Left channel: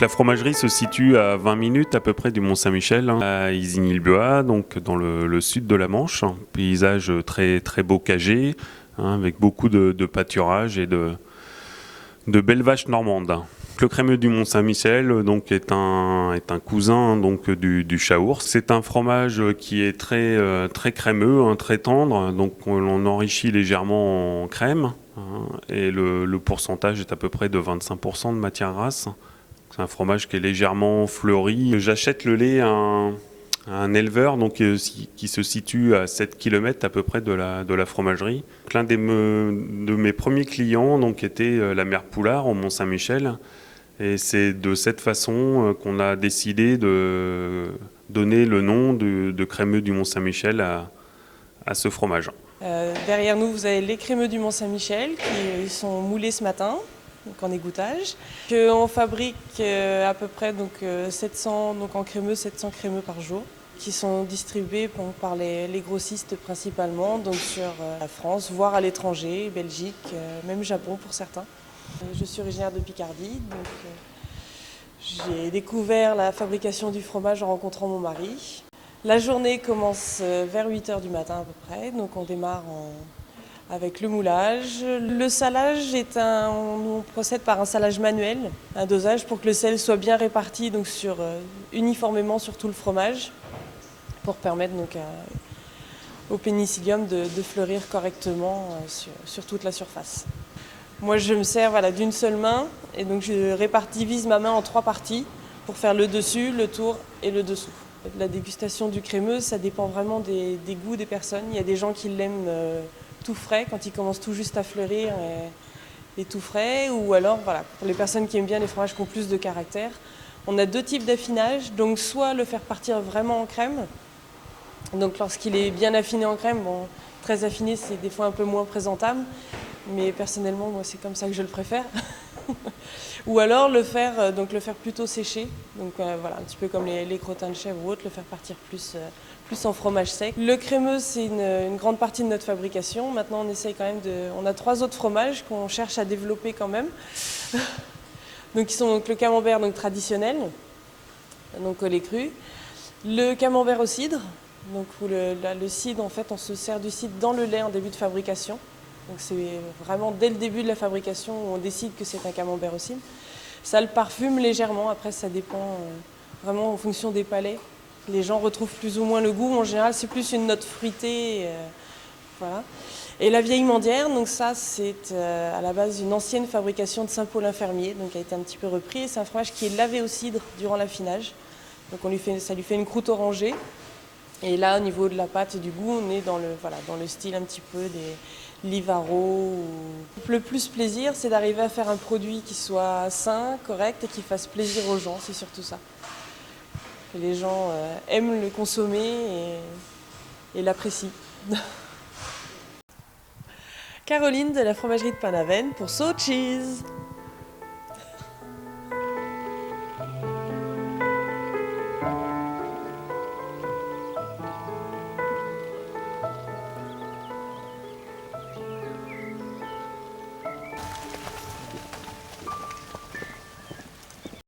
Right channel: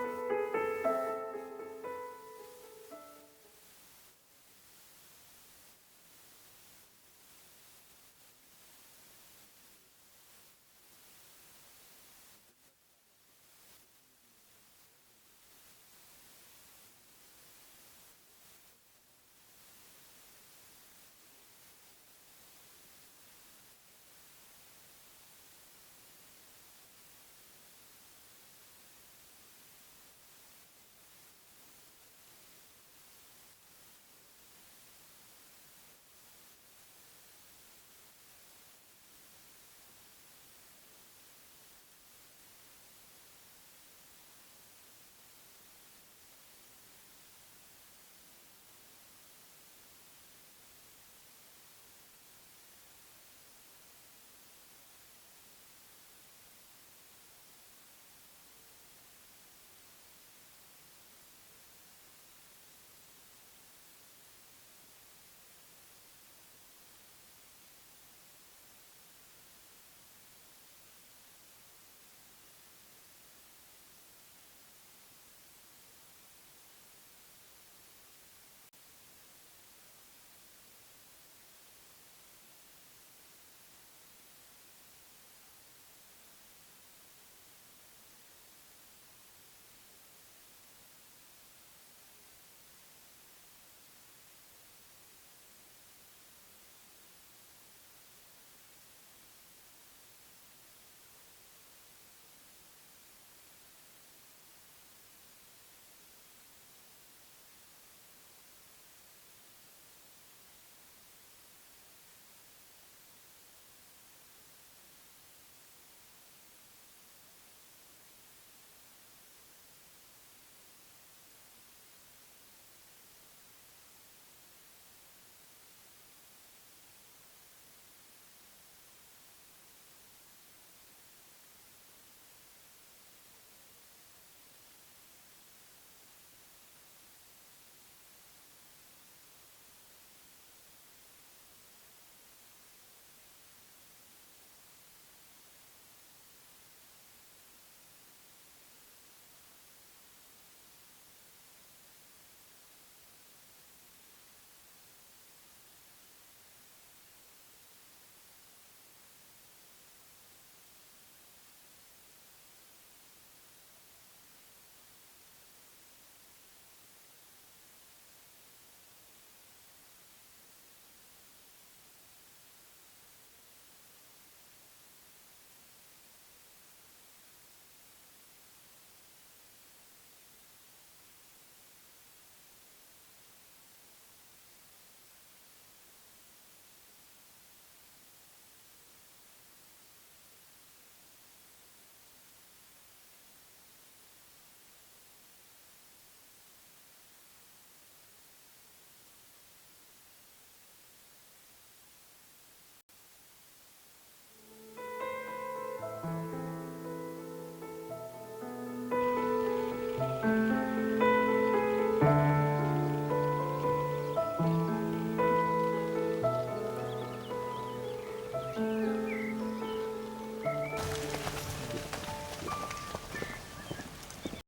La fromagerie se situe à 20 minutes à peu près du Mont-Saint-Michel, à Isigny-le-Bois, donc dans le sud de la Manche. Un paysage très, très bocagé, avec beaucoup de pâturage et de belles vaches normandes. Le crémeux du Mont-Saint-Michel donc, est un cousin donc, du Chaource. C'est un fromage qui est très, très crémeux, très tendre, donc on enrichit légèrement en crème. Et le pourcentage est à peu près de 25% de matière grasse. C'est un fromage qui est légèrement fleuri. J'achète le lait à un éleveur donc, qui se situe à 7 km à peu près de la fromagerie. L'un de mes premiers clients donc, était la mère Poulard au Mont-Saint-Michel. Et c'est de cette façon qu'on a décidé de donner le nom de crémeux du Mont-Saint-Michel à ce fromage. Derrière nous, vous avez les crémeux du Mont-Saint-Michel qui sont moulés ce matin, donc en égouttage. On fabrique à peu près 700, donc en crémeux, 700 crémeux par jour, qui sont distribués par les grossistes principalement, donc sur la France, voire à l'étranger, Belgique, même Japon pour certains. Je suis originaire de Picardie, donc j'ai découvert la fabrication du fromage en rencontrant mon mari. La journée commence vers 8h du matin à peu près, donc on démarre avec le moulage. Le salage on procède par un salage manuel, un dosage pour que le sel soit bien réparti donc uniformément sur tout le fromage, pour permettre au pénicillium de fleurir correctement sur toute la surface. Moi je me sers d'une seule main et donc je divise ma main en 3 parties pour faire le dessus, le tour et le dessous. La dégustation du crémeux, ça dépend vraiment des goûts des personnes. Il y a des gens qui l'aiment tout frais, quand il commence tout juste à fleurir et tout frais. Ou alors, pour les personnes qui aiment bien les fromages qui ont plus de caractère, on a 2 types d'affinage. Donc soit le faire partir vraiment en crème. Donc lorsqu'il est bien affiné en crème, très affiné c'est des fois un peu moins présentable. Mais personnellement, moi c'est comme ça que je le préfère. Ou alors le faire plutôt sécher, donc un petit peu comme les crottins de chèvre ou autres, le faire partir plus en fromage sec. Le crémeux, c'est une grande partie de notre fabrication. Maintenant, on essaye quand même on a 3 autres fromages qu'on cherche à développer quand même. Donc, qui sont le camembert traditionnel, donc au lait cru, le camembert au cidre, donc où le cidre, en fait, on se sert du cidre dans le lait en début de fabrication. Donc c'est vraiment dès le début de la fabrication où on décide que c'est un camembert au cidre. Ça le parfume légèrement, après ça dépend vraiment en fonction des palais. Les gens retrouvent plus ou moins le goût, en général c'est plus une note fruitée. Voilà. Et la vieille mendière, donc ça c'est à la base une ancienne fabrication de Saint-Paulin-Fermier, donc qui a été un petit peu repris. C'est un fromage qui est lavé au cidre durant l'affinage. Donc ça lui fait une croûte orangée. Et là au niveau de la pâte et du goût, on est dans le style un petit peu des Livaro. Le plus plaisir, c'est d'arriver à faire un produit qui soit sain, correct et qui fasse plaisir aux gens, c'est surtout ça. Et les gens aiment le consommer et l'apprécient. Caroline de la fromagerie de Pain-d'Aven pour So Cheese.